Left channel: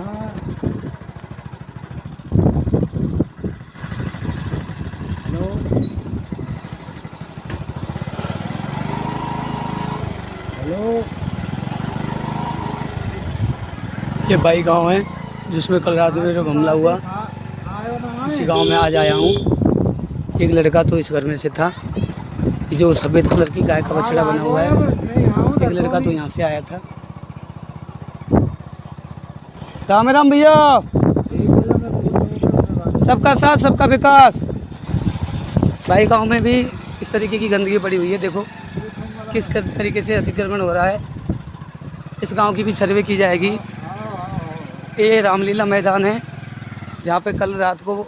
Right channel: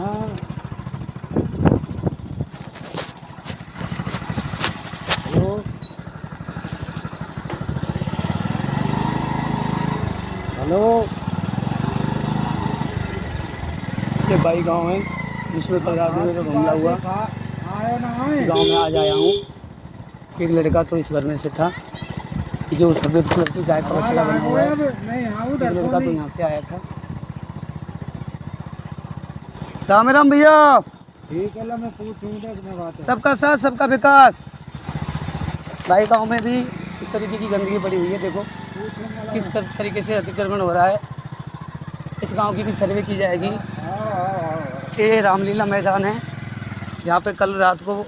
Hello hello. ये by गांव है जिसमें कल रात में मेरे को हमला हुआ। इसी गांव में आज आया हूँ। एक लड़का तो इस घर में से था जो सफ़ेद कलर की गाय का बछड़ा बना हुआ है। एक लड़का तो यहाँ से आया था। राम राम भैया। सबका साथ सबका विकास। बाई गांव में भी इस तरीके की गंदगी पड़ी हुई है। देखो किस तरीके से अतिक्रमण हो रहा है। इस गांव की भी सर्वे की जाएगी। ये रामलीला मैदान है जहाँ पे कल रात को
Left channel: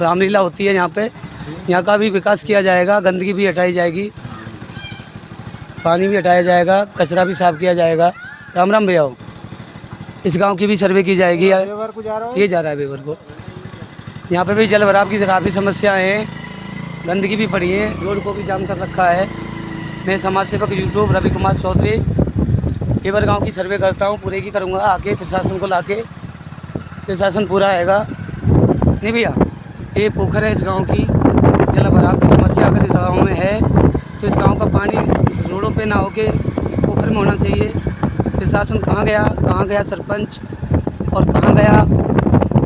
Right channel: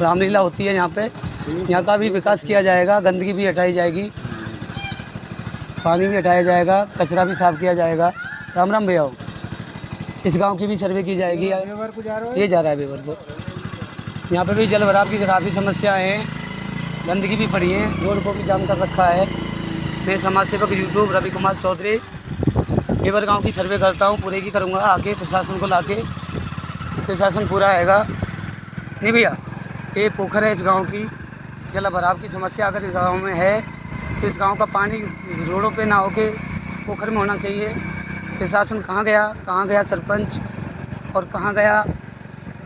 रामलीला होती है। यहाँ का भी विकास किया जाएगा। गंदगी भी हटाई जाएगी, पानी भी हटाया जाएगा, कचरा भी साफ किया जाएगा। राम राम भैया। इस गांव की भी सर्वे की जाएगी। ये जा रहा है बेवर को। यहाँ पे भी जल भराव की काफ़ी समस्याएँ हैं, गंदगी भी पड़ी है, रोड को भी जाम कर रखा है। मैं समाज सेवक यूट्यूब रवि कुमार चौधरी बेवर गाँव की सर्वे करता हूँ। पूरे की करूँगा आके प्रशासन को लाके। प्रशासन पूरा आएगा नहीं भैया। ये पोखर है इस गांव की। जल भराव की समस्या अगर इस गांव में है तो इस गांव का पानी रोडों पे ना होके पोखर में होना चाहिए। प्रशासन कहाँ गया सरपंच, और कहाँ गया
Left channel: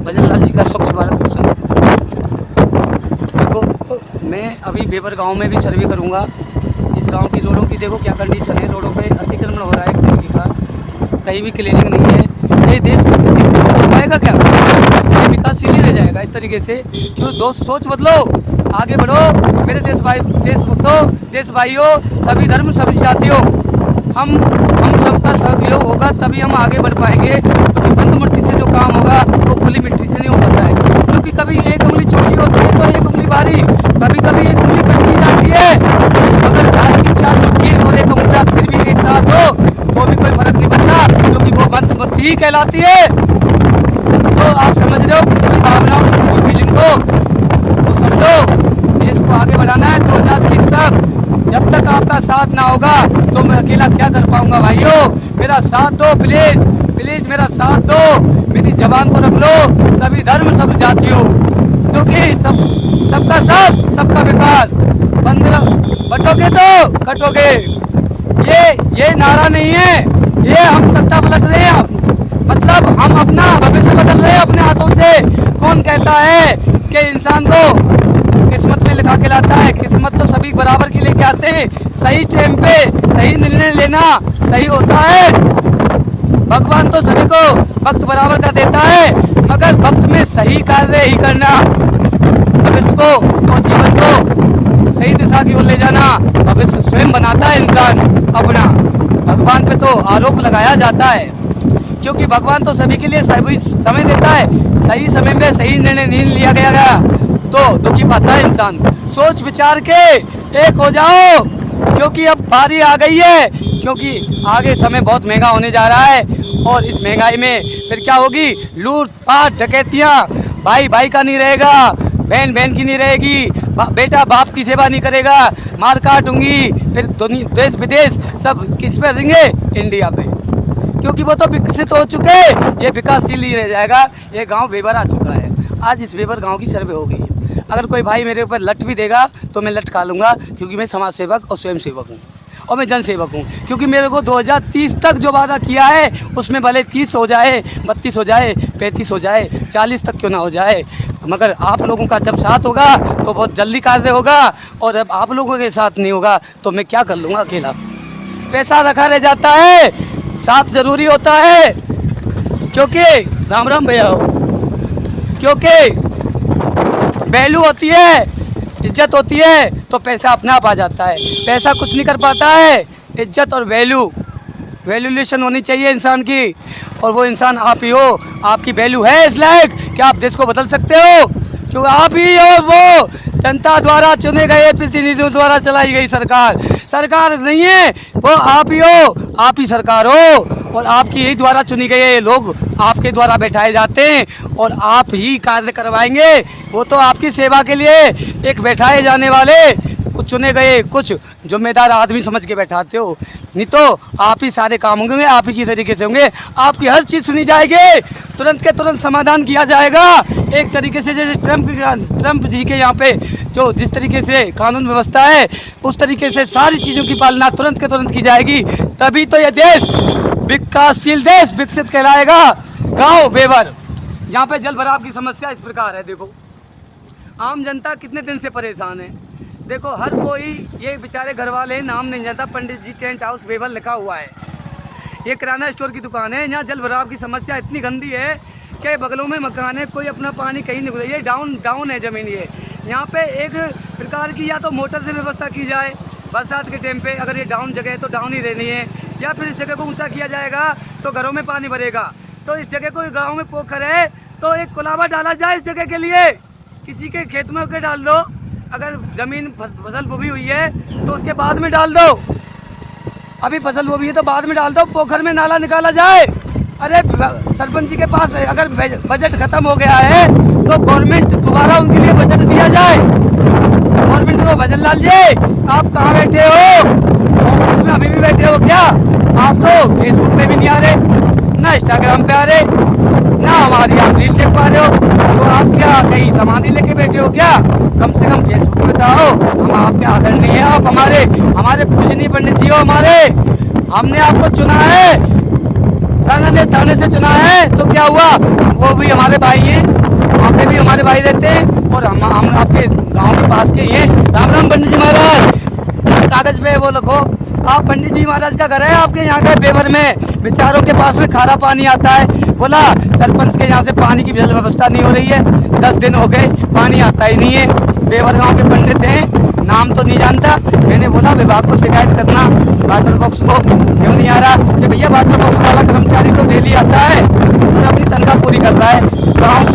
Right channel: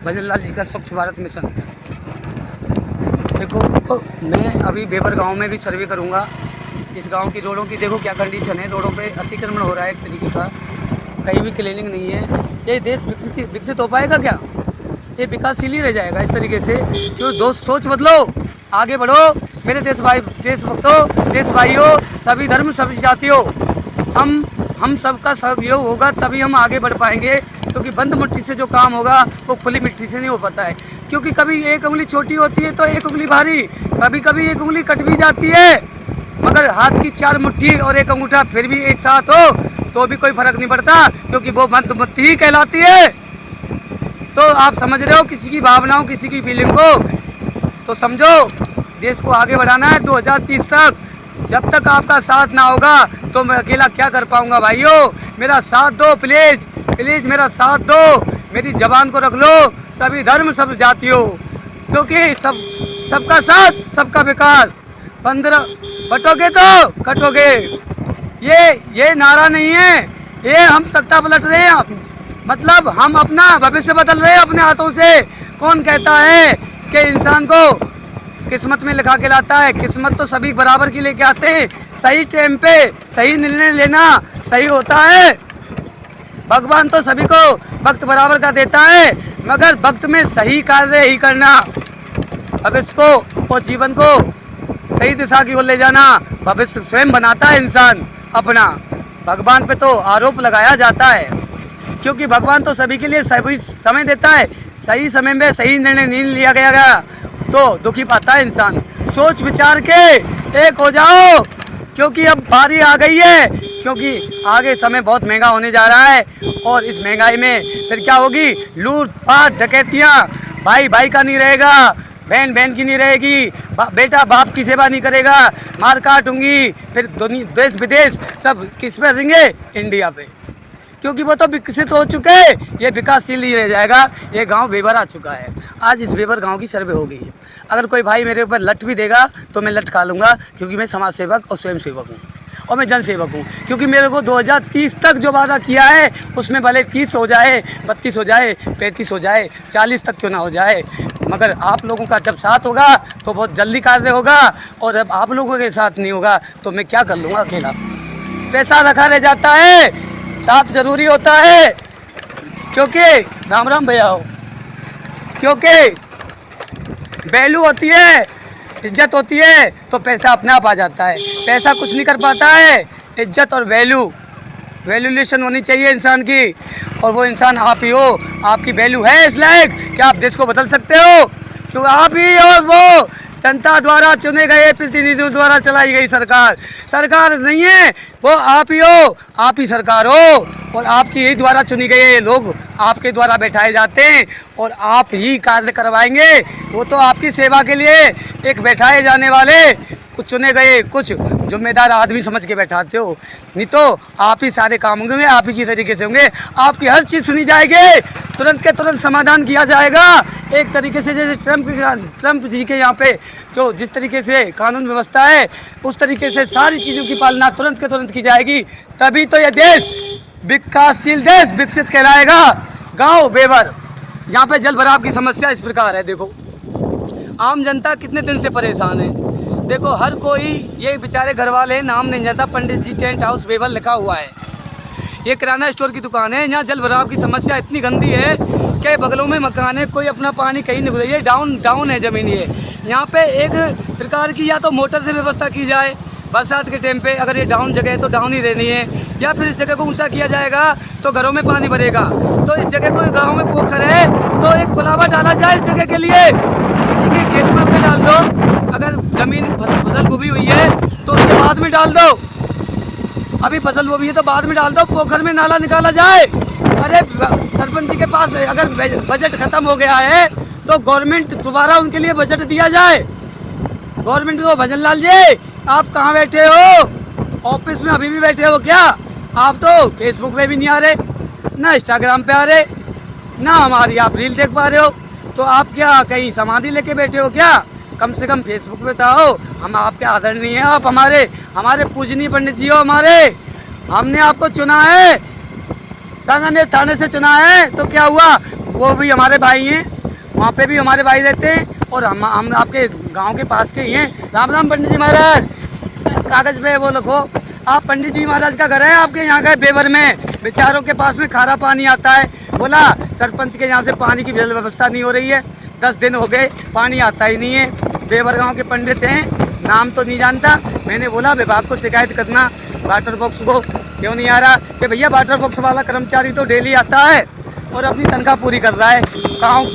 भजन लाल जी का स्वच्छ भारत मिशन। देखो तो मैं अभी बेवर गांव में भी सर्वे करूंगा। इस गांव की रोडों की देखो क्या कंडीशन है। रोडों पे अतिक्रमण हो रहा है तरीके का, कहीं भी क्लीनिंग नहीं है। ये देश विकसित हो पाएगा क्या? ये विकासशील ही रह जाएगा इस तरीके से। क्यों दोस्त, सोच बदलो, आगे बढ़ो मेरे देश भक्तों, देश भाइयों, सभी धर्म सभी जातियों। हम सबका सहयोग होगा तभी हम आगे बढ़ पाएंगे। क्योंकि बंद मिट्टी से जो काम होगा वो खुली मिट्टी से नहीं हो पाता है। क्योंकि कभी एक उंगली छोटी होती है तो एक उंगली भारी, कभी एक उंगली कट भी जाती है। मगर हाथ की चार मुट्ठी और एक अंगूठा फिर भी एक साथ हो तो भी कोई फर्क नहीं पड़ता, क्योंकि वो बंद ही कहलाती है। तो आप समझ रहे हो किसी की भावनाओं, किसी की फीलिंग को तो समझो। देश को आगे बढ़ाना है 2030 तक। जब तक आपका साथ ना होगा तो मैं अकेला क्या कर पाऊंगा भाइयों। मेरा साथ दो प्लीज प्लीज, मेरा साथ दो। मेरी जबान को रख लो, सभी धर्म सब जातियों, क्योंकि सबका साथ सबका विकास। बटोगे तो कटोगे, ये नारा नहीं है। ये हम सत्ता पलट रहे हैं, मतलब हम अपना भविष्य बदल रहे हैं अपने हाथों से। कौन कहता है कि इंसान को किस्मत में लिखा के लाता है? किस्मत तो सभी बराबर की लेके आते हैं। सही टाइम पे सही निर्णय लेना सही होता है। भगवान तो सभी को वक्त बराबर का देता है, मगर वक्त में सही कार्य ही करना, भविष्य को और जीवन को सही दिशा की ओर ले जाना भविष्य स्वयं बनाता है इंसान अपना। भगवान पे तो आरोप लगाया जाता है, क्योंकि भगवान तो सभी के लिए सही समय देता है। सही समय में सही निर्णय नहीं लिया गया तो दुखी पाता है इंसान। सोच विचार के एक हो जाओ, क्योंकि अब बारी आ गई है। क्योंकि आगे समय बहुत महंगा होने जा रहा है, और इस महंगाई में फिर क्या होगी? लूट पाट डकैतियाँ। भाई भाई का नहीं रहेगा, बहन बहन की नहीं रहेगी, बेटा बाप की सेवा नहीं करेगा, मार काट होंगी। फिर देश विदेश सब किस पे रहेंगे? इंडिया पे, क्योंकि वो तो विकसित हो चुके। ये विकासशील ही रह जाएगा। ये गांव बेवर आ चुका है। आज इस बेवर गांव की सर्वे हो गई। अगर कोई भाई मेरे ऊपर लट भी देगा तो मैं लट खा लूँगा, क्योंकि मैं समाज सेवक और स्वयं सेवक हूँ, और मैं जन सेवक हूँ। क्योंकि मेरे को 2030 तक जो वादा किया है उसमें भले 30 हो जाए, 32 हो जाए, 35 हो जाए, 40 तक क्यों ना हो जाए, मगर आप लोगों का जब साथ होगा तो बहुत जल्दी कार्य होगा। और अब आप लोगों के साथ नहीं होगा तो मैं क्या कर लूँगा अकेला? पैसा रखा रह जाता है, साथ जरूरी होता है। क्योंकि राम राम भैया, क्योंकि वैल्यू होती है, इज्जत होती है तो पैसा अपने आप आ जाता है। पैसा कुछ नहीं कर पाता है, इज्जत और वैल्यूलेशन होनी चाहिए इंसान की, और वो इंसान आप ही हो। आपकी वैल्यू है इस लायक कि आप देश को बदल सकते हो, क्योंकि आप ही और वो जनता द्वारा चुने गए प्रतिनिधियों द्वारा चलाई गई सरकार नहीं है, वो आप ही हो, आप ही सरकार हो। और आपकी ही द्वारा चुनी गए लोग आपके द्वारा बैठाए जाते हैं और आप ही कार्य करवाएंगे। वो तो आपकी सेवा के लिए एक बैठाए जाने वाले कुछ चुने गए कुछ जिम्मेदार आदमी समझ के बैठाते हो, नहीं तो आप ही सारे काम होंगे, आप ही की तरीके से होंगे। आपकी हर चीज़ सुनी जाएगी, तुरंत के तुरंत समाधान किया जाएगा। एक तरीके से जैसे ट्रम्प जी के यहाँ पे जो जिस तरीके से कानून व्यवस्था है उस तरीके से सारी चीज़ों की पालना तुरंत के तुरंत की जाएगी, तभी तो यह देश विकासशील देश विकसित कहलाएगा। गाँव बेवर जहाँ पे जल भराव की समस्या इस प्रकार है। देखो आम जनता कितने दिन से परेशान है। देखो हर कोई ये बेचारे घर वाले नाम नहीं जानता, पंडित जी टेंट हाउस बेवर लिखा हुआ है। ये किराना स्टोर की दुकान है। यहाँ जल भराव की समस्या इतनी गंदी है कि बगलों में मकान है, कोई अपना पानी कहीं नहीं गुजर, ये डाउन है ज़मीन। ये यहाँ पे एक प्रकार की या तो मोटर से व्यवस्था की जाए बरसात के टाइम पे, अगर ये डाउन जगह है तो डाउन ही रहनी है, या फिर इस जगह को ऊंचा किया जाएगा तो घरों में पानी भरेगा। तो इस जगह को गाँव में पोखर है तो एक कुलावा डाला जाए इस जगह के लिए, किसी के खेत में उसे डाल दो। अगर ज़मीन फसल बोई हुई है तो उसके बाद में डाल दो, अभी फसल बोई है तो बाद में डाल दो, पोखर में नाला निकाला जाए। अरे सरपंच जी के पास अगर बजट खत्म हो गया है तो गवर्नमेंट दोबारा उनके लिए बजट दिया जाए। गवर्नमेंट को भजन लाल जी आप कहाँ बैठे हो? ऑफिस में अभी भी बैठे हो क्या? आप तो फेसबुक पे भी नहीं आ रहे, ना इंस्टाग्राम पे आ रहे, ना हमारी आप रील देख पा रहे हो, तो आप क्या कहीं समाधि लेके बैठे हो क्या? कम से कम फेसबुक पे आओ, हम आपके आदरणीय हैं, आप हमारे पूजनीय पंडित जी हो हमारे। हमने आपको चुना है, संगने थाने से चुना है, तो क्या हुआ? वो भी हमारे भाई हैं, वहाँ पे भी हमारे भाई रहते हैं और हम आपके गांव के पास के ही हैं। राम राम पंडित जी महाराज, कागज पे वो लिखो। आप पंडित जी महाराज का घर है आपके यहाँ का बेवर में, बेचारों के पास में खारा पानी आता है। बोला सरपंच के यहाँ से पानी की व्यवस्था नहीं हो रही है, 10 दिन हो गए पानी आता ही नहीं है। बेवर गाँव के पंडित हैं, नाम तो नहीं जानता। मैंने बोला विभाग को शिकायत करना, वाटर बॉक्स को क्यों नहीं आ रहा? कि भैया वाटर बॉक्स वाला कर्मचारी तो डेली आता है और अपनी तनख्वाह पूरी कर रहा है।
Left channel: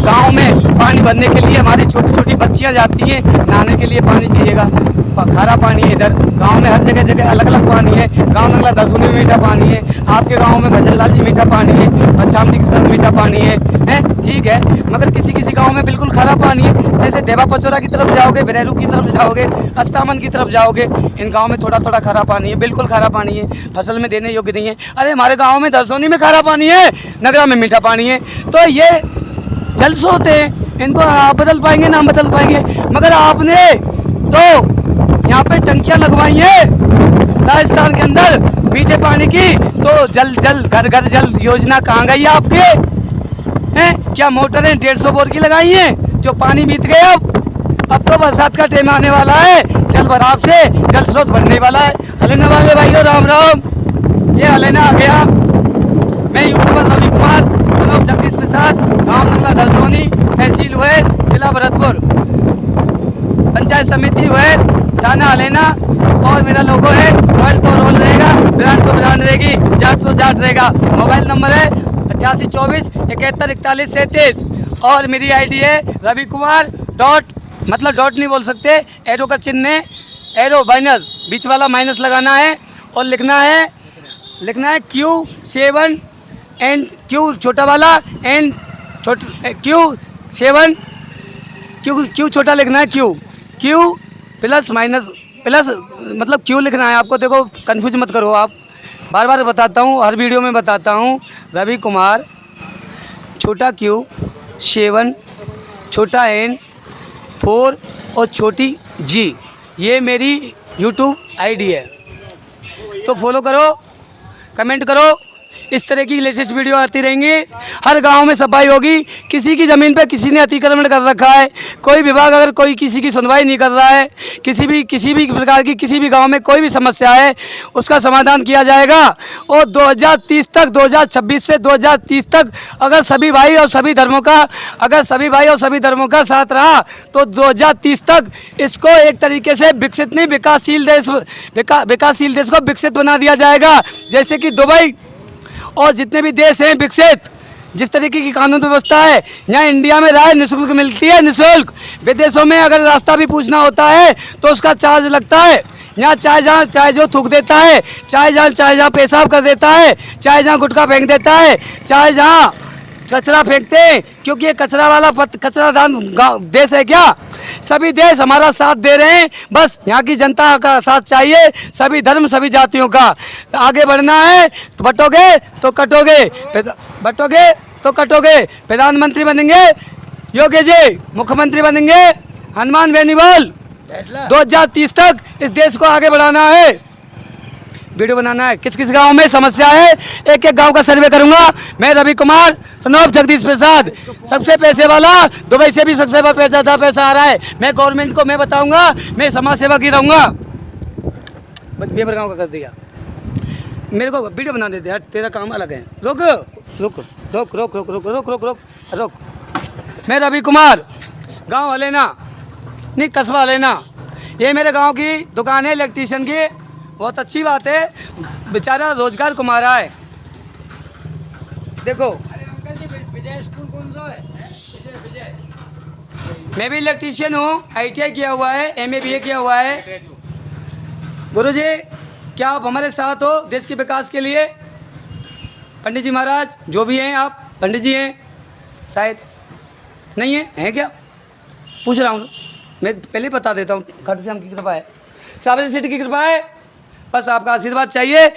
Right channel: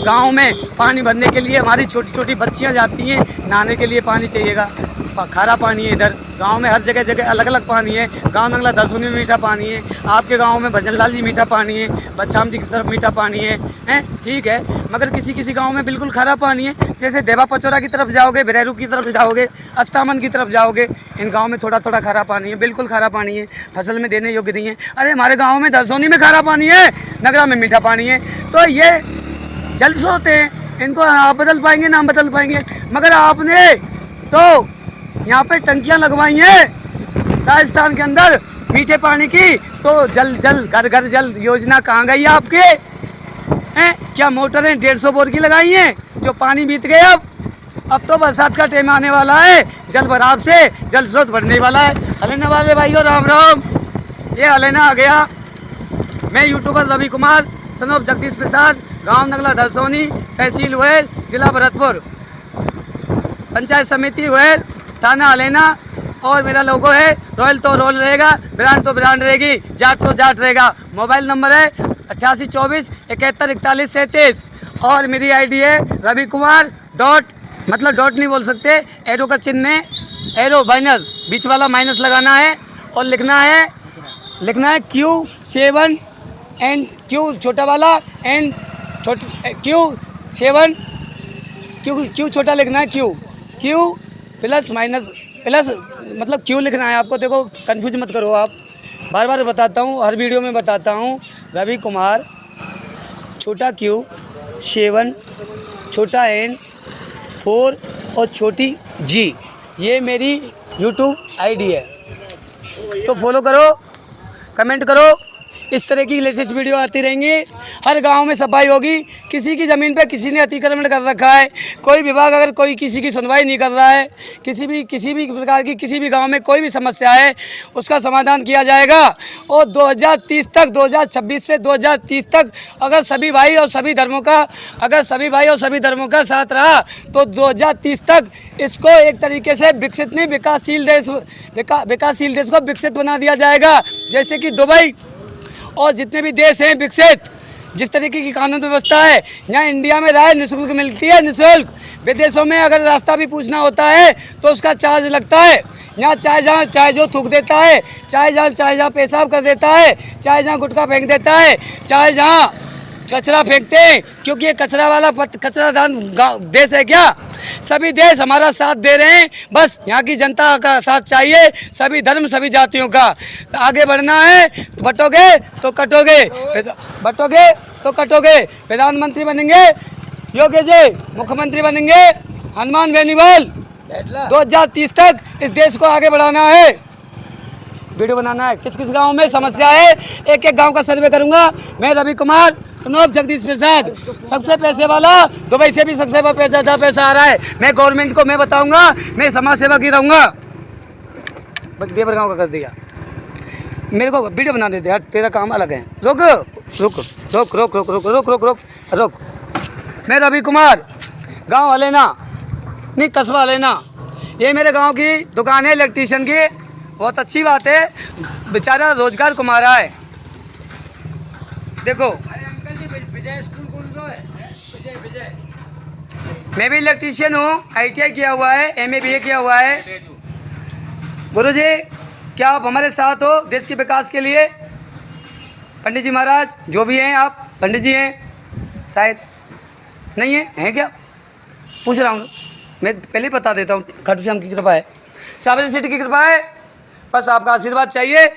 गांव में पानी भरने के लिए हमारी छोटी छोटी बच्चियां जाती हैं, नहाने के लिए पानी चाहिएगा, खारा पानी है इधर गांव में, हर जगह जगह अलग अलग पानी है। गांव नंगला दरसोनी में मीठा पानी है, आपके गांव में भजन लाल जी मीठा पानी है, बच्चामदी की तरफ मीठा पानी है, ठीक है। मगर किसी किसी गांव में बिल्कुल खारा पानी है। जैसे देवा पचौरा की तरफ जाओगे, बिरेरू की तरफ जाओगे, अस्तामन की तरफ जाओगे, इन गाँव में थोड़ा थोड़ा खारा पानी है, बिल्कुल खारा पानी है, फसल में देने योग्य नहीं है। अरे हमारे गाँव में दरसोनी में खारा पानी है, नगरा में मीठा पानी है। तो ये जल स्रोत हैं, इनको आप बदल पाएंगे ना हम बदल पाएंगे। मगर आपने तो यहाँ पे टंकियाँ लगवाई हैं राजस्थान के अंदर मीठे पानी की, तो जल घर घर जल योजना कहाँ गई आपके हैं? क्या मोटरें 150 बोर की लगाई हैं जो पानी बीत गए? अब तो बरसात का टाइम आने वाला है, जल भराव से जल स्रोत बढ़ने वाला है। हलेना वाले भाइयों राम राम, ये हलेना आ गया। मैं यूट्यूबर रवि कुमार, सनोप जगदीश प्रसाद, गाँव नंगला दलसोनी, तहसील हुए, जिला भरतपुर, पंचायत समिति हुए, थाना हलेना, और मेरा लोगो है रॉयल तो रोल रहेगा, ब्रांड तो ब्रांड रहेगी, जाट तो जाट रहेगा। मोबाइल नंबर है 8824714137 और मेरी आईडी है रवि कुमार मतलब डॉट नहीं बोल सकते, एरो का चिन्ह है, एरो माइनस, बीच वाला माइनस लगाना है और लिखना है Q7 एंड Q छोटा वाला एंड Q7 Q छोटा लिखना है, Q प्लस माइनस प्लस मतलब Q लिखना है आपको। देखो कंफ्यूज मत करो आप, बार बार बताता हूँ, हर वीडियो में बताता हूँ। रवि कुमार छोटा Q 7 छोटा N 4 और छोटी G, ये मेरी यूट्यूब आईडी है। तो फॉलो करो, कमेंट करो, इस तरह की लेटेस्ट वीडियो आती रहेंगी। हर गांव में सफाई होगी। किसी की ज़मीन पे किसी ने अतिक्रमण कर रखा है, कोई विभाग अगर कोई किसी की सुनवाई नहीं कर रहा है, किसी भी प्रकार की किसी भी गांव में कोई भी समस्या है, उसका समाधान किया जाएगा। और 2030 तक, 2026 से 2030 तक अगर सभी भाई और सभी धर्मों का साथ रहा तो 2030 तक इसको एक तरीके से विकसित नहीं, विकासशील देश को विकसित बना दिया जाएगा। जैसे कि दुबई और जितने भी देश हैं विकसित, जिस तरीके की कानून व्यवस्था है, यहाँ इंडिया में राय निःशुल्क मिलती है, निःशुल्क। विदेशों में अगर रास्ता भी पूछना होता है तो उसका चार्ज लगता है। यहाँ चाहे जो थूक देता है, चाहे जहाँ पेशाब कर देता है, चाहे जहाँ गुटखा फेंक देता है, चाहे जहाँ कचरा फेंकते हैं, क्योंकि ये कचरादान देश है क्या? सभी देश हमारा साथ दे रहे हैं, बस यहाँ की जनता का साथ चाहिए, सभी धर्म सभी जातियों का। आगे बढ़ना है तो बटोगे तो कटोगे, बटोगे तो कटोगे, प्रधानमंत्री बनेंगे योगी जी, मुख्यमंत्री बनेंगे हनुमान बेनीवाल। 2030 तक इस देश को आगे बढ़ाना है। वीडियो बनाना है, किस किस गांव में समस्या है, एक एक गांव का सर्वे करूंगा। मैं रवि कुमार, सनोप जगदीश प्रसाद, सबसे पैसे वाला, दुबई से भी सबसे पैसा आ रहा है। मैं गवर्नमेंट को मैं बताऊंगा, मैं समाज सेवा की रहूंगा। बेबर गांव का कर दिया, मेरे को वीडियो बना देते यार, तेरा काम अलग है। रुक रुक रुक रुक रुक रुक रुक रुक रुक रुक। मैं रवि कुमार, गाँव वाले ना नहीं, कस्बा वाले ना। ये मेरे गांव की दुकान है इलेक्ट्रीशियन की, बहुत अच्छी बात है, बेचारा रोजगार कमा रहा है। देखो विजय स्कूल कौन सा है? विजय मैं भी इलेक्ट्रीशियन हूँ, ITI किया हुआ है, MA BA किया हुआ है। गुरुजी क्या आप हमारे साथ हो देश के विकास के लिए? पंडित जी महाराज जो भी हैं, आप पंडित जी हैं शायद, नहीं हैं क्या? पूछ रहा हूँ, मैं पहले बता देता हूँ। खाटू श्याम की कृपा है, साबरी सिटी की कृपा है, बस आपका आशीर्वाद चाहिए।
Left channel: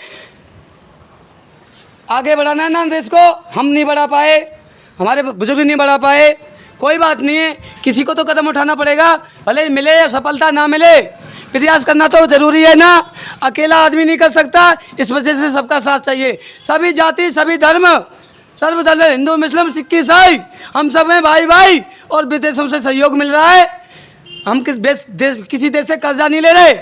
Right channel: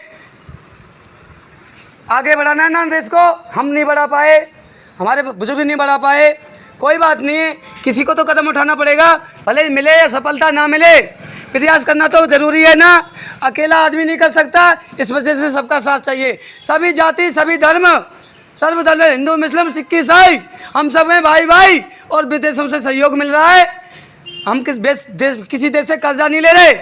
आगे बढ़ाना है ना देश को, हम नहीं बढ़ा पाए, हमारे बुजुर्ग नहीं बढ़ा पाए, कोई बात नहीं है, किसी को तो कदम उठाना पड़ेगा, भले मिले या सफलता ना मिले, प्रयास करना तो जरूरी है ना। अकेला आदमी नहीं कर सकता, इस वजह से सबका साथ चाहिए। सभी जाति, सभी धर्म, सर्वधर्म, हिंदू मुस्लिम सिख ईसाई, हम सब हैं भाई भाई, और विदेशों से सहयोग मिल रहा है। हम किसी देश से कर्जा नहीं ले रहे,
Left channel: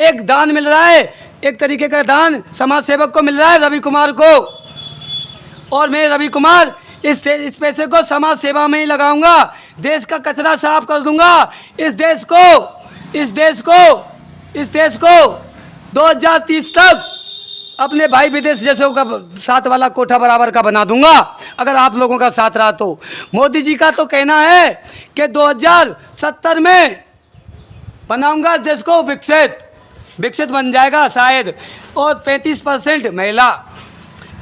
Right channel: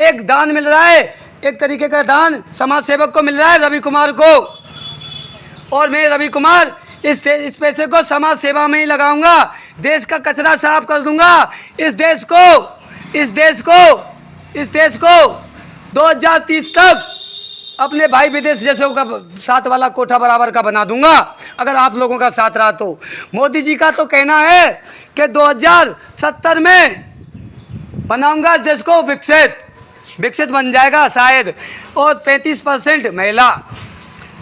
एक दान मिल रहा है, एक तरीके का दान समाज सेवक को मिल रहा है, रवि कुमार को। और मैं रवि कुमार इस पैसे को समाज सेवा में ही लगाऊंगा, देश का कचरा साफ कर दूंगा। इस देश को 2030 तक अपने भाई विदेश जैसे का साथ वाला कोठा बराबर का बना दूंगा, अगर आप लोगों का साथ रहा तो। मोदी जी का तो कहना है कि 2070 में बनाऊंगा देश को विकसित बन जाएगा शायद। और 35% महिला,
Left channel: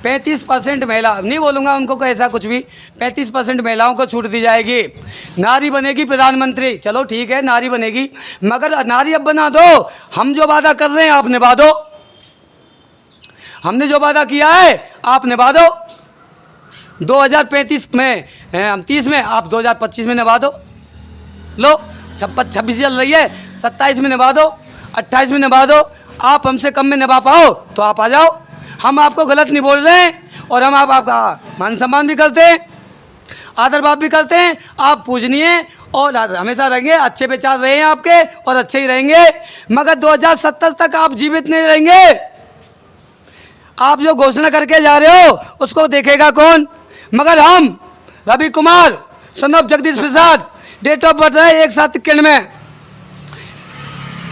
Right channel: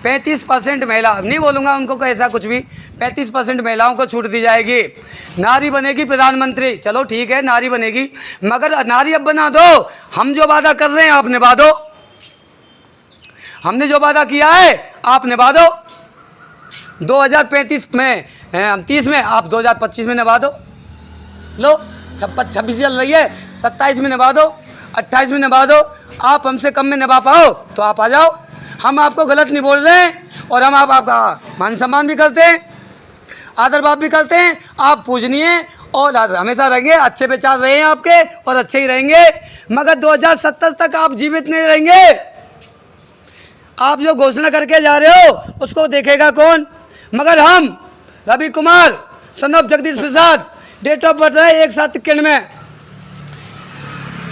35% महिला नहीं बोलूँगा उनको को ऐसा कुछ भी, 35% महिलाओं को छूट दी जाएगी। नारी बनेगी प्रधानमंत्री, चलो ठीक है नारी बनेगी, मगर नारी अब बना दो। हम जो वादा कर रहे हैं आप निभा दो, हमने जो वादा किया है आप निभा दो। 2035 में, हम 30 में, आप 2025 में निभा दो। लो 26 चल रही है, 27 में निभा दो, 28 में निभा दो। आप हमसे कम में निभा पाओ तो आप आ जाओ, हम आपको गलत नहीं बोल रहे हैं, और हम आपका मान सम्मान भी करते हैं, आदर भाव भी करते हैं। आप पूजनीय और हमेशा रहेंगे, अच्छे विचार रहे हैं आपके और अच्छे ही रहेंगे, मगर 2070 तक आप जीवित नहीं रहेंगे। आप जो घोषणा करके जा रहे हो उसको देखेगा कौन? मगर हम Ravi Kumar, son of Jagdish Prasad, date of birth है 1/7 में,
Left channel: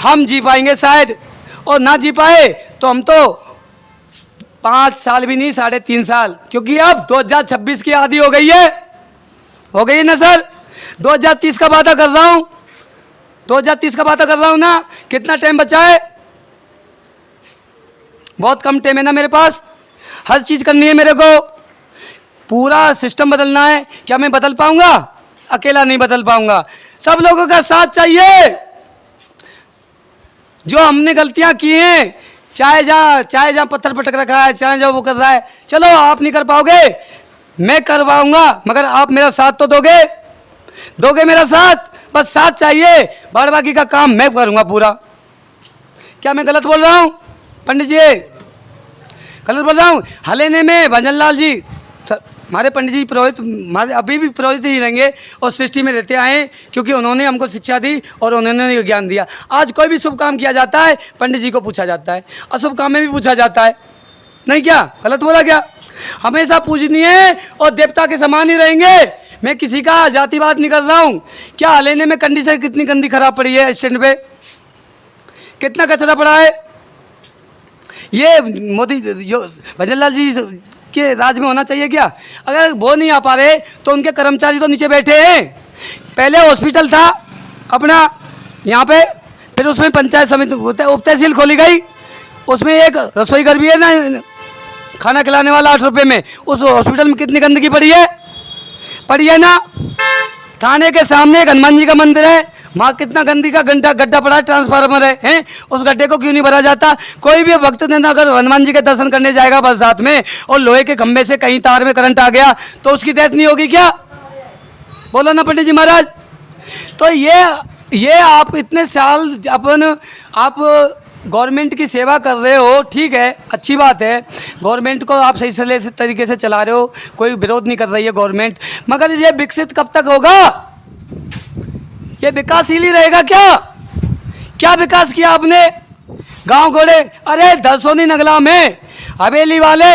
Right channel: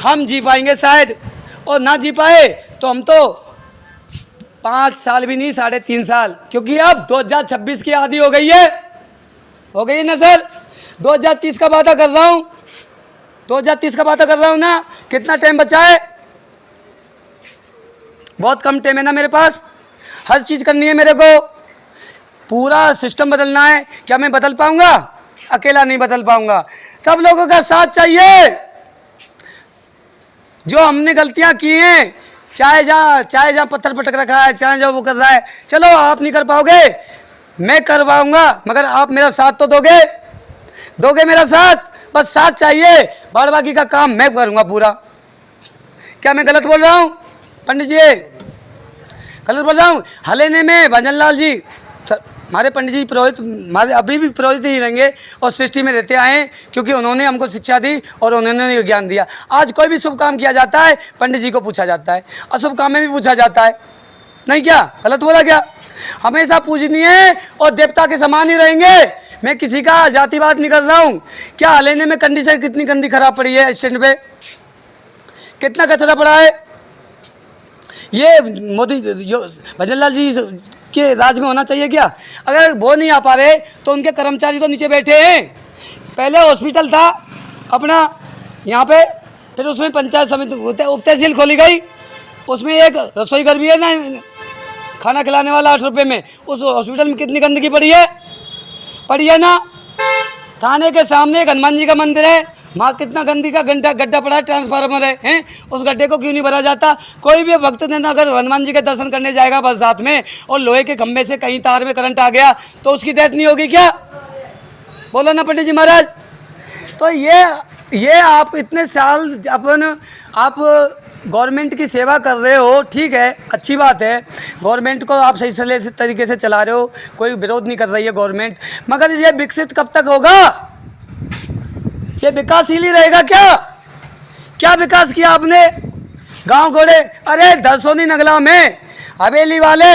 हम जी पाएंगे शायद, और ना जी पाए तो हम तो 5 साल भी नहीं, 3.5 साल, क्योंकि अब 2026 की आदि हो गई है ना सर। 2030 का वादा कर रहा हूँ, 2030 का वादा कर रहा हूँ ना। कितना टाइम बचा है? बहुत कम टाइम है ना मेरे पास, हर चीज़ करनी है मेरे को, पूरा सिस्टम बदलना है। क्या मैं बदल पाऊंगा? अकेला नहीं बदल पाऊंगा, सब लोगों का साथ चाहिए। जो हमने गलतियां की हैं, चाहे जहाँ पत्थर पटक रखा है, चाहे जो वो कर रहा है, चलो आप नहीं कर पाओगे, मैं करवाऊंगा, मगर आप मेरा साथ तो दोगे मेरा साथ, बस साथ चाहिए। बाद बाकी का काम मैं करूंगा पूरा। क्या मैं गलत बोल रहा हूँ पंडित जी? गलत बोल रहा हूँ? हलेने में भजन लाल जी, हमारे पंडित जी पुरोहित, हमारे अभी भी पुरोहित ही रहेंगे और सृष्टि में रहते आए, क्योंकि उन्होंने हमको शिक्षा दी और उन्होंने ज्ञान दिया। आज कोई भी शुभ काम किया जाता है पंडित जी को पूछा जाता है, अशुभ काम में भी पूछा जाता है, नहीं क्या? गलत बोला क्या? हमेशा पूजनीय और देवता के समान ही रहेंगे। मैं किसी का जातिवाद नहीं कर रहा हूँ। क्या हलेने में कंडीशन कितनी गंदी खराब पड़ी है, स्टैंड पे कितना कचरा पड़ा है। ये मोदी जो भजन लाल जी के राज में होना चाहिए क्या? अगर वो नहीं आ पा रहे तो उनके कर्मचारी तो नीचे बैठे हैं। पहले हॉस्पिटल था अपना यहाँ पे, फिर उसमें पंचायत समिति उप तहसील खोली गई, उसमें एक रसोई घर भी है ना, खाना खिलाने वाला 8 रुपये में। उस हॉस्पिटल में कितनी गंदगी पड़ी है ना। थाने के सामने एक हनुमान जी का मंदिर है, वहाँ कितना गंदी का गड्ढा पड़ा है, ट्रांसफार्मर है, हैं? उस गड्ढे को क्यों नहीं भरा जाता? कोई भी भक्त दिन अगर हनुमान जी के दर्शन करने जाएगा बरसात में और लोहे के खंभे से कहीं तार में करंट आ गया तो उसकी डेथ नहीं होगी क्या? बोलो ना पंडित जी महाराज। तो ये आप इतने साल आप गवर्नमेंट की सेवा कर रहे हो, ठीक है, अच्छी बात है, गवर्नमेंट को आप सही तरीके से चला रहे हो, कोई विरोध नहीं कर रही है गवर्नमेंट, मगर ये विकसित कब तक होगा? ये विकासशील ही रहेगा क्या? क्या विकास किया आपने? गांव घोड़े, अरे दरसोनी नगला में हवेली वाले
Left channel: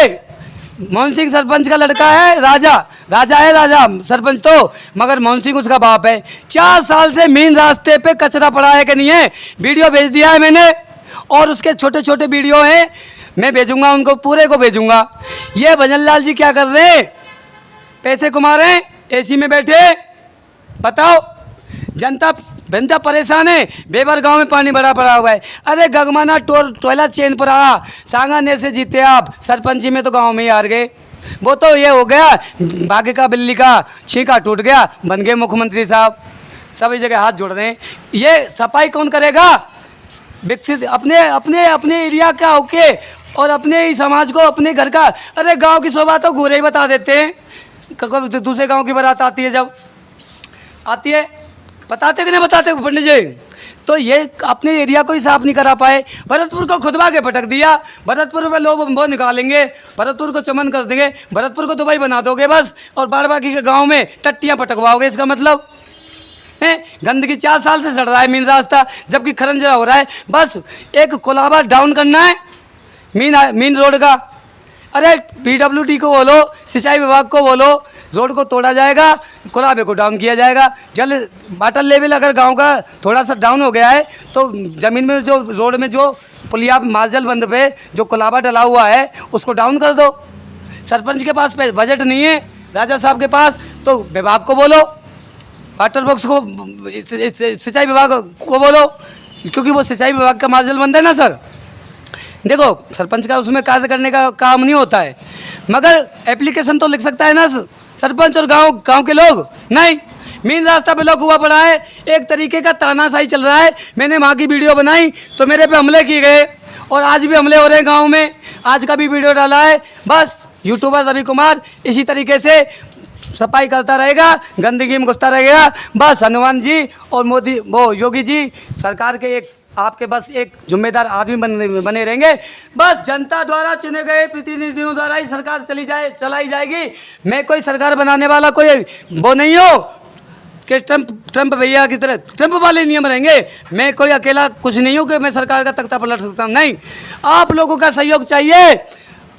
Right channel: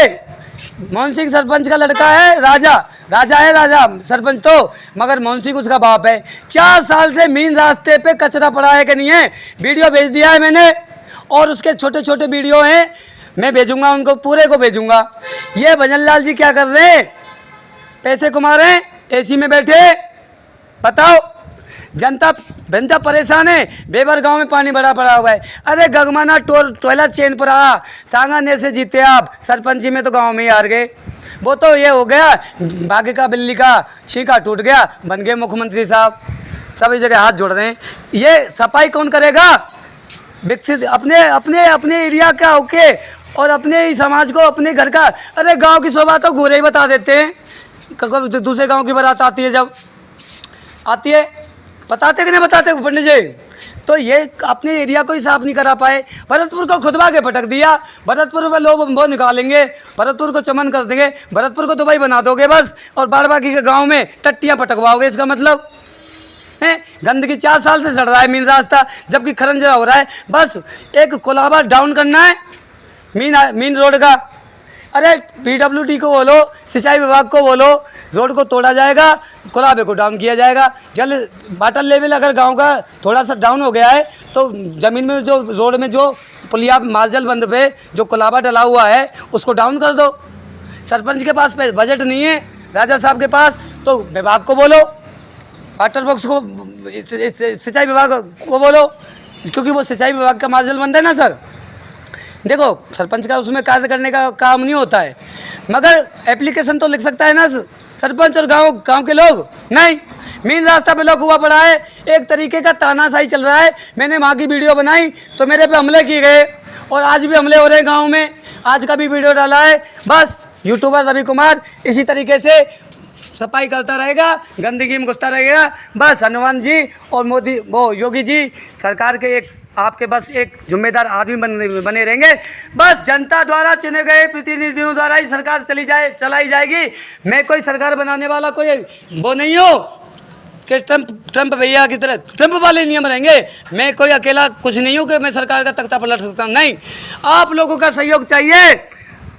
मोहन सिंह सरपंच का लड़का है, राजा है सरपंच तो, मगर मोहन सिंह उसका बाप है। 4 साल से मेन रास्ते पे कचरा पड़ा है कि नहीं है? वीडियो भेज दिया है मैंने, और उसके छोटे छोटे वीडियो हैं, मैं भेजूंगा उनको, पूरे को भेजूंगा। ये भजन लाल जी क्या कर रहे हैं? पैसे कमा रहे हैं, एसी में बैठे। बताओ, जनता परेशान है। बेबर गांव में पानी बड़ा पड़ा हुआ है। अरे गगमाना टोयला चेन पर आ, सांगाने से जीते आप, सरपंची में तो गांव में ही हार गए। वो तो ये हो गया, भाग्य का बिल्ली का छींका टूट गया, बन गए मुख्यमंत्री साहब, सभी जगह हाथ जोड़ रहे हैं। ये सफाई कौन करेगा? विकसित अपने एरिया का होके और अपने ही समाज को, अपने घर का। अरे गांव की शोभा तो घूरे ही बता देते हैं, कभी दूसरे गांव की बारात आती है, जब आती है बताते कि नहीं बताते पंडित जी? तो ये अपने एरिया को ही साफ नहीं करा पाए। भरतपुर को खुदवा के पटक दिया, भरतपुर में लोग वो निकालेंगे, भरतपुर को चमन कर देंगे, भरतपुर को दुबई बना दोगे बस, और बाकी के गाँव में टट्टियाँ पटकवाओगे। इसका मतलब है गंदगी 4 साल से चढ़ रहा है मेन रास्ता, जबकि खरंजा हो रहा है। बस एक कोलाबा डाउन करना है मेन रोड का। अरे PWD को बोलो, सिंचाई विभाग को बोलो, रोड को तोड़ा जाएगा, कोलाबे को डाउन किया जाएगा। जल वाटर लेवल अगर गांव का थोड़ा सा डाउन हो गया है तो ज़मीन में जो रोड में जो पुलिया मार्जल बंद पे जो कोलाबा डला हुआ है उसको डाउन कर दो। सरपंच के पास बजट नहीं है, राजा साहब के पास, तो विभाग को बोलो, वाटर बॉक्स को, सिंचाई विभाग को बोलो, क्योंकि वो सिंचाई विभाग का मार्जल बंद है ना सर। देखो सरपंच का उसमें कार्य करने का काम नहीं होता है, मगर एप्लीकेशन तो लिख सकता है ना सरपंच, और गांव के लोग नहीं। मेन रास्ता ब्लॉक हुआ पड़ा है, एक तरीके का तानाशाही चल रहा है। मैंने वहाँ की वीडियो बनाई तो मेरे पे हमले किए गए, और आज भी हमले हो रहे हैं गाँव में। आज का भी वीडियो डाला है। बस यूट्यूबर रवि कुमार इसी तरीके से सफाई करता रहेगा, गंदगी में घुसता रहेगा। बस हनुमान जी और मोदी वो योगी जी सरकार के एक आपके बस एक जिम्मेदार आदमी बने रहेंगे। बस जनता द्वारा चुने गए प्रतिनिधियों द्वारा ही सरकार चलाई जाएगी। मैं कोई सरकार बनाने वाला कोई वो नहीं हो कि ट्रंप भैया की तरह ट्रंप वाले नियम रहेंगे। मैं कोई अकेला कुछ नहीं हूँ कि मैं सरकार का तख्ता पलट सकता हूँ, नहीं। आप लोगों का सहयोग चाहिए।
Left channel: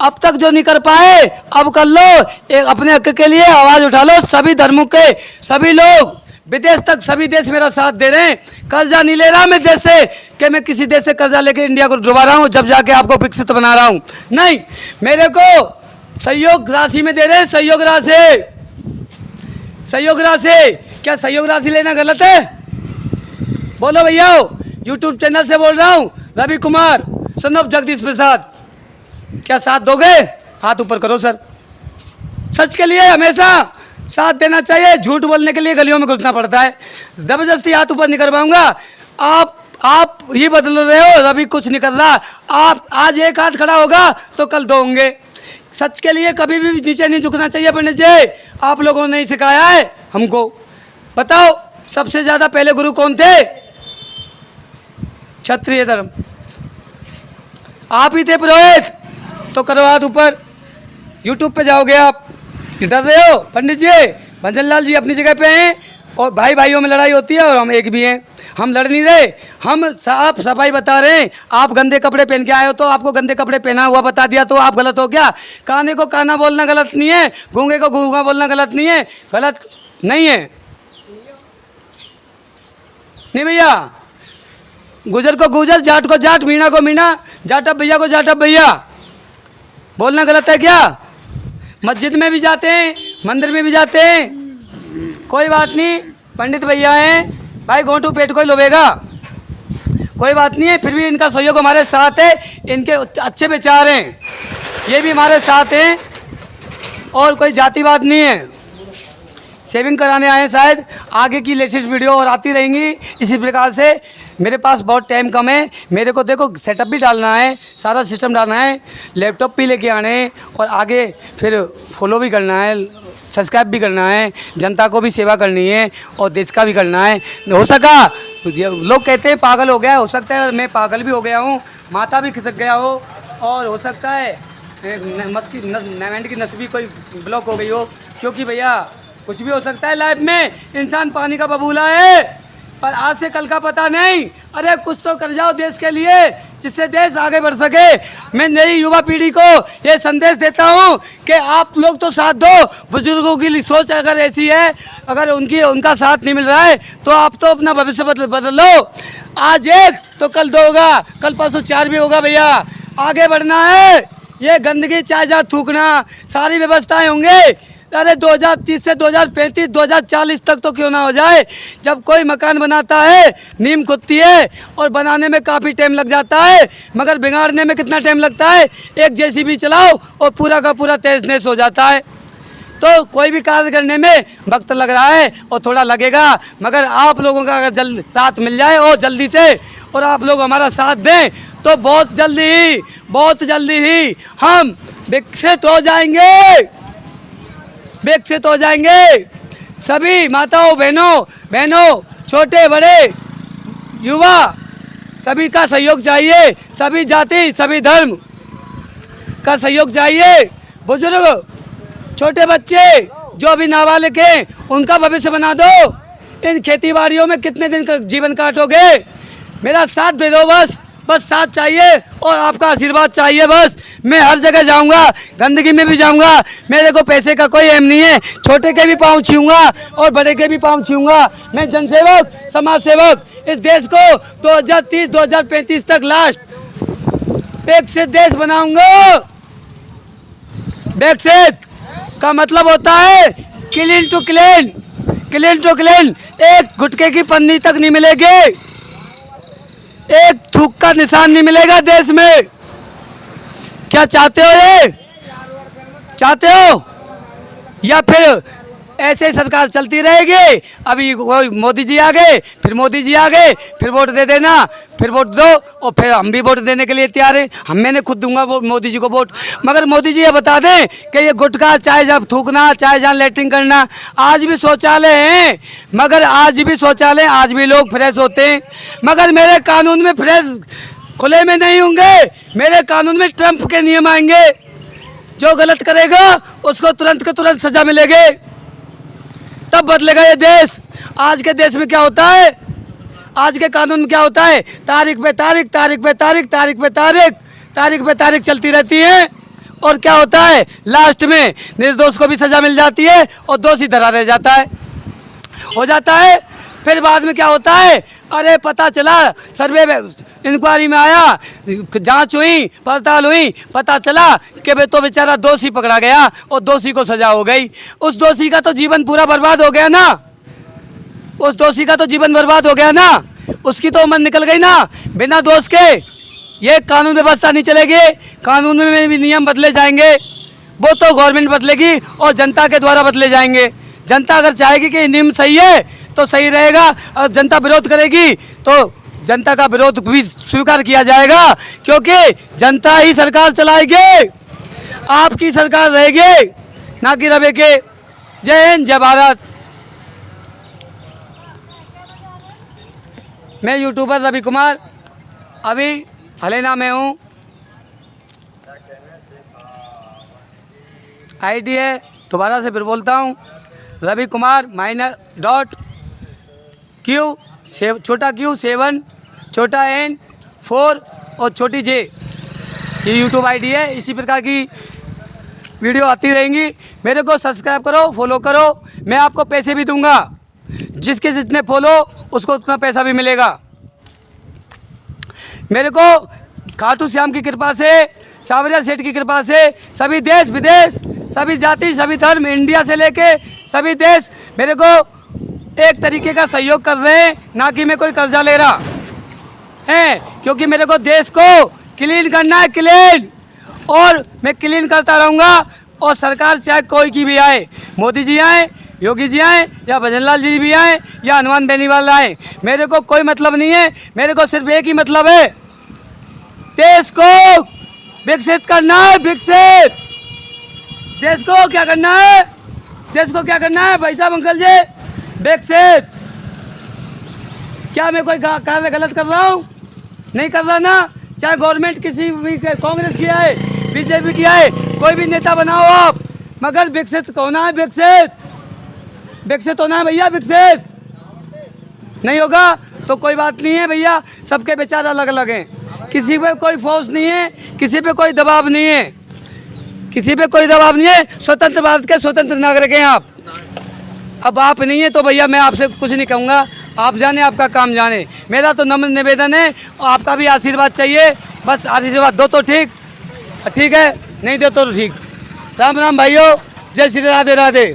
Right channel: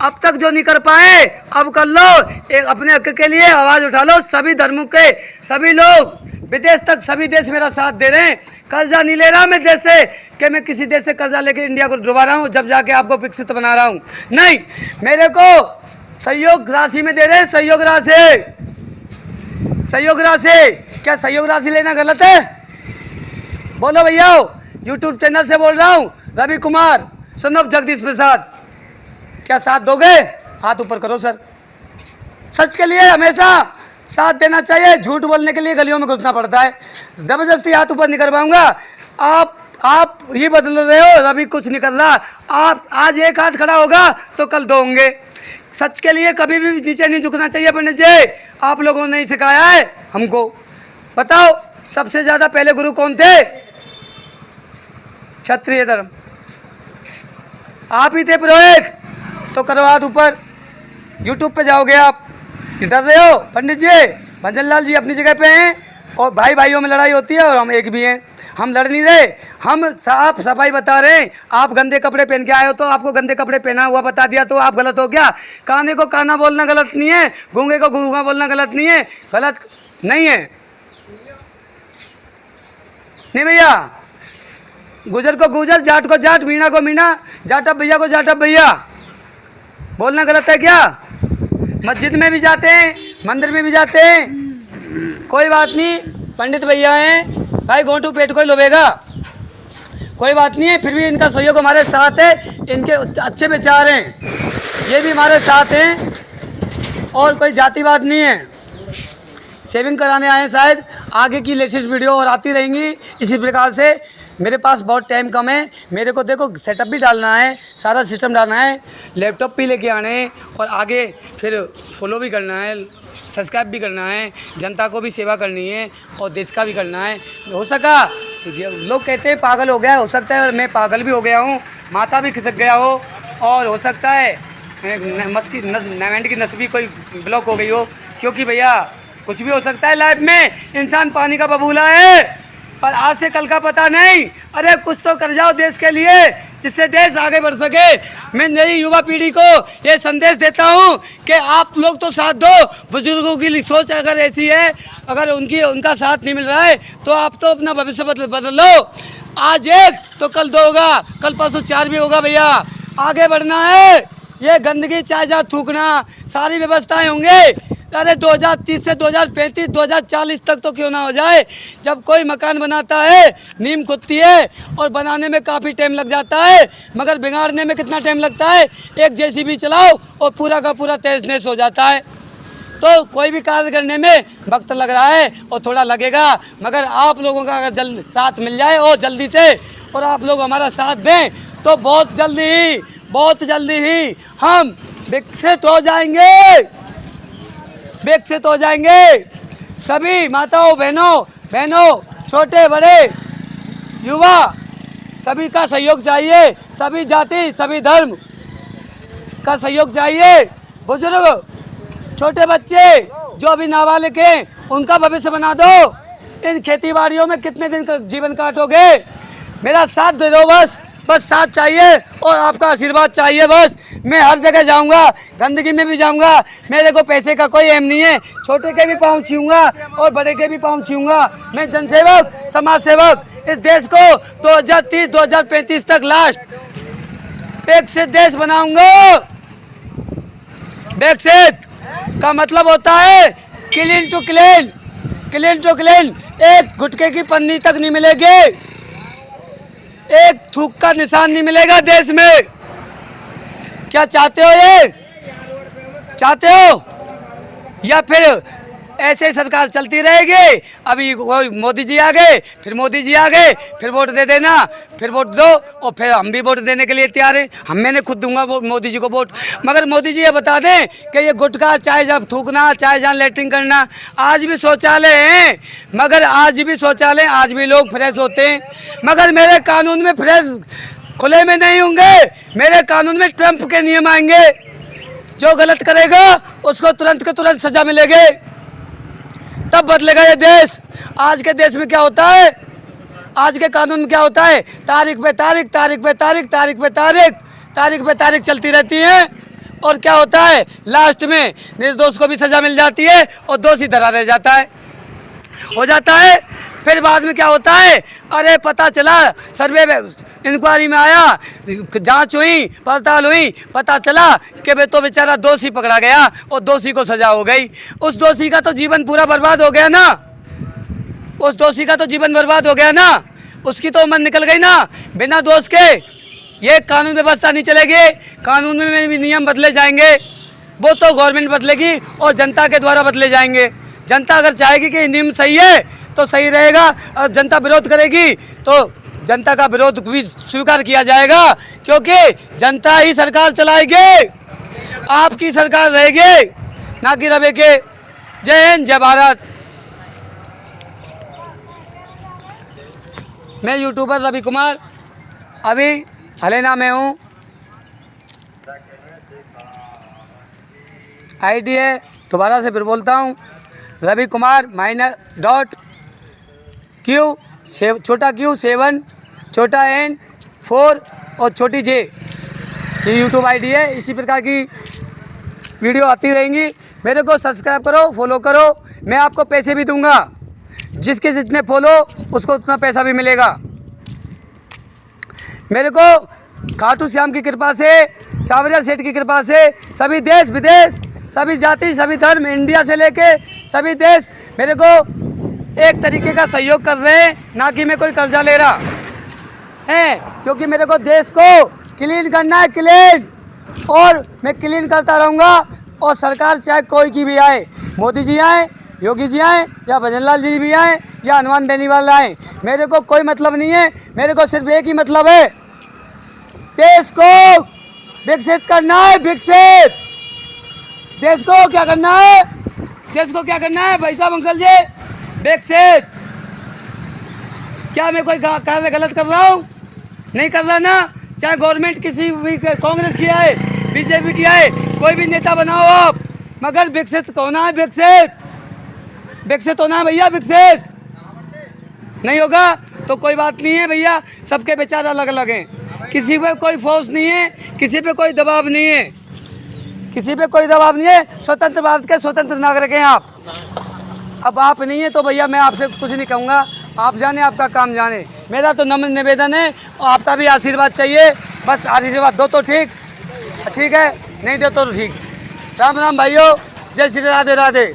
अब तक जो नहीं कर पाए अब कर लो, एक अपने हक के लिए आवाज़ उठा लो। सभी धर्मों के सभी लोग, विदेश तक सभी देश मेरा साथ दे रहे हैं। कर्जा नहीं ले रहा मैं देश से कि मैं किसी देश से कर्जा लेके इंडिया को डुबा रहा हूँ जब जाके आपको विकसित बना रहा हूँ, नहीं। मेरे को सहयोग राशि में दे रहे हैं, सहयोग राशि। क्या सहयोग राशि लेना गलत है? बोलो भैया, यूट्यूब चैनल से बोल रहा हूँ, रवि कुमार सन ऑफ जगदीश प्रसाद। क्या साथ दोगे? हाथ ऊपर करो सर। सच के लिए हमेशा साथ देना चाहिए, झूठ बोलने के लिए गलियों में घुसना पड़ता है। जबरदस्ती हाथ ऊपर नहीं कर पाऊंगा। आप ये बदल रहे हो, रवि कुछ नहीं कर रहा। आप आज एक हाथ खड़ा होगा तो कल 2 होंगे। सच के लिए कभी भी नीचे नहीं झुकना चाहिए पंडित जी। आप लोगों ने ही सिखाया है हमको। बताओ सबसे ज़्यादा पहले गुरु कौन थे? क्षत्रिय धर्म। आप ही थे पुरोहित, तो करो हाथ ऊपर। यूट्यूब पे जाओगे आप, डर रहे हो? पंडित जी भजन लाल जी अपनी जगह पे हैं, और भाई भाइयों में लड़ाई होती है और हम एक भी हैं। हम लड़ नहीं रहे, हम साफ सफाई बता रहे हैं। आप गंदे कपड़े पहन के आए हो तो आपको गंदे कपड़े पहना हुआ बता दिया तो आप गलत हो क्या? काने को काना बोलना गलत नहीं है, गूंगे को गूंगा बोलना गलत नहीं है। गलत नहीं है, नहीं भैया। गुजर को गुजर, जाट को जाट, मीणा को मीणा, जाटब भैया को जाटब भैया बोलना गलत है क्या? मस्जिद में भी जाते हैं, मंदिर में भी जाते हैं, कोई बात नहीं। पंडित भैया हैं भाई, गोंटू पेट को ही लोभेगा, कोई बात नहीं है। फिर भी इनका सहयोग हमारे साथ है, इनके अच्छे विचार हैं, ये भी हमारे साथ हैं, और कोई जातिवाद नहीं है। सेविंग कराने आए हैं शायद। आगे की लेटेस्ट वीडियो और आती रहेंगी इसी प्रकार से। मेरे पास बहुत टाइम कम है, मेरे को देखो सेटअप भी डालना है, सारा सिस्टम डालना है, लैपटॉप भी लेके आने हैं और आगे फिर फॉलो भी करना है, सब्सक्राइब भी करना है, जनता को भी सेवा करनी है और देश का भी करना है। हो सका लोग कहते हैं पागल हो गया, हो सकता है मैं पागल भी हो गया हूँ, माथा भी खिसक गया हो और हो सकता है नैमेंट की नस भी कोई ब्लॉक हो गई हो, क्योंकि भैया कुछ भी हो सकता है लाइफ में। इंसान पानी का बबूला है, पर आज से कल का पता नहीं। अरे कुछ तो कर जाओ देश के लिए जिससे देश आगे बढ़ सके। मैं नई युवा पीढ़ी को ये संदेश देता हूँ कि आप लोग तो साथ दो। बुजुर्गों की सोच अगर ऐसी है, अगर उनका साथ नहीं मिल रहा है तो आप तो अपना भविष्य बदल लो। आज एक तो कल दो होगा, कल परसों चार भी होगा भैया। आगे बढ़ना है, ये गंदगी चाहे जहाँ थूकना, सारी व्यवस्थाएं होंगे। अरे 2030 से 2035 2040 तक तो क्यों ना हो जाए। जब कोई मकान बनाता है नींव खुदती है और बनाने में काफ़ी टाइम लग जाता है, मगर बिगाड़ने में कितना टाइम लगता है। एक जेसीबी चलाओ और पूरा का पूरा तहस नहस हो जाता है। तो कोई भी कार्य करने में वक्त लग रहा है और थोड़ा लगेगा, मगर आप लोगों का अगर साथ मिल जाए और जल्दी से, और आप लोग हमारा साथ दें तो बहुत जल्दी ही हम विकसित हो जाएंगे। सभी माताओं बहनों छोटे बड़े युवा सभी का सहयोग चाहिए, सभी जाति सभी धर्म का सहयोग चाहिए। बुजुर्ग छोटे बच्चे जो अभी नाबालिग हैं उनका भविष्य बना दो। इन खेती बाड़ियों में कितने दिन का जीवन काटोगे। मेरा साथ दे दो, बस साथ चाहिए और आपका आशीर्वाद चाहिए। बस मैं हर जगह जाऊंगा, गंदगी में भी जाऊंगा, मेरे को पैसे का कोई एम नहीं है। छोटे के भी पाँव छूऊंगा और बड़े के भी पाँव छूऊंगा। मैं जनसेवक समाज सेवक इस देश को 2030 2035 तक लास्ट विकसित देश बनाऊंगा। विकसित का मतलब होता है क्लीन टू क्लीन। एक गुटखे की पन्नी तक नहीं मिलेगी, एक थूक का निशान नहीं मिलेगा देश में। क्या चाहते हो, ये चाहते हो या फिर ऐसे ही सरकार चलती रहेगी। अभी मोदी जी आ गए, फिर मोदी जी आ गए, फिर वोट दे देना, फिर वोट दो और फिर हम भी वोट देने के लिए तैयार हैं। मैंने खुद दूंगा मोदी जी को वोट। मगर मोदी जी ये बता दें कि ये गुटखा चाहे जब थूकना, चाहे जहाँ लेटरिंग करना, आज भी शौचालय हैं, मगर आज भी लोग फ्रेश होते हैं। मगर मेरे कानून में फ्रेश खुले में नहीं होंगे, मेरे कानून में ट्रंप के नियम आएंगे। जो गलत करेगा उसको तुरंत के तुरंत सजा मिलेगी, तब बदलेगा ये देश। आज के देश में क्या होता है, आज के कानून में क्या होता है, तारीख पे तारीख चलती रहती है। और क्या होता है, लास्ट में निर्दोष को भी सजा मिल जाती है और दोषी धरा रह जाता है, हो जाता है। फिर बाद में क्या होता है, अरे पता चला, सर्वे इंक्वायरी में आया, जांच हुई, पड़ताल हुई, पता चला कि वे तो बेचारा दोषी पकड़ा गया और दोषी को सजा हो गई। उस दोषी का तो जीवन पूरा बर्बाद हो गया ना, उसकी तो उम्र निकल गई ना बिना दोष के। ये कानून व्यवस्था नहीं चलेगी, कानून में भी नियम बदले जाएंगे, वो तो गवर्नमेंट बदलेगी और जनता के द्वारा बदले जाएंगे। जनता अगर चाहेगी कि नियम सही है तो सही रहेगा, और जनता विरोध करेगी तो जनता का विरोध भी स्वीकार किया जाएगा, क्योंकि जनता ही सरकार चलाएगी, आपकी सरकार रहेगी, ना कि रहेगी। जय हिंद, जय भारत। मैं यूट्यूबर रवि कुमार, अभी हलेना में हूँ। आईडी है, दोबारा से फिर बोलता हूँ, रवि कुमार -.Q छोटा Q 7 छोटा N 4 और छोटी J, ये यूट्यूब आईडी है। इसी प्रकार की वीडियो आती रहेंगी। मेरे को सब्सक्राइब करो, फॉलो करो। मैं आपको पैसे भी दूंगा, जिसके जितने फॉलो उसको उतना पैसा भी मिलेगा। मेरे को खाटू श्याम की कृपा से, सावरिया सेठ की कृपा से सभी देश विदेश, सभी जाति सभी धर्म, इंडिया से लेके सभी देश मेरे को एक तरीके का सहयोग कर रहे हैं, ना कि मैं कोई कर्जा ले रहा है। क्योंकि मेरे को देश को क्लीन करना है, क्लीन, और मैं क्लीन करता रहूँगा। और सरकार चाहे कोई की भी आए, मोदी जी आए, योगी जी आए या भजनलाल जी भी आए या हनुमान बेनीवाल आए, मेरे को कोई मतलब नहीं है। मेरे को सिर्फ एक ही मतलब है, देश को विकसित करना है। विकसित देश को क्या करना है? देश को क्या करना है भाई साहब अंकल जी? विकसित। क्या मैं कोई कार्य गलत कर रहा हूँ? नहीं कर रहा ना। चाहे गवर्नमेंट किसी भी कांग्रेस की आए, बीजेपी की आए, कोई भी नेता बनाओ आप, मगर विकसित होना है। विकसित होना है भैया। विकसित नहीं होगा तो कोई बात नहीं है भैया। सबके विचार अलग अलग हैं, किसी पे कोई फोर्स नहीं है, किसी पे कोई दबाव नहीं है, किसी पे कोई दबाव नहीं है। स्वतंत्र भारत के स्वतंत्र नागरिक हैं आप। अब आप नहीं है तो भैया मैं आपसे कुछ नहीं कहूँगा, आप जाने, आपका काम जाने। मेरा तो नम्र निवेदन है, और आपका भी आशीर्वाद चाहिए। बस आशीर्वाद दो तो ठीक है, नहीं दो तो ठीक। राम राम भाइयों, जय श्री राधे राधे।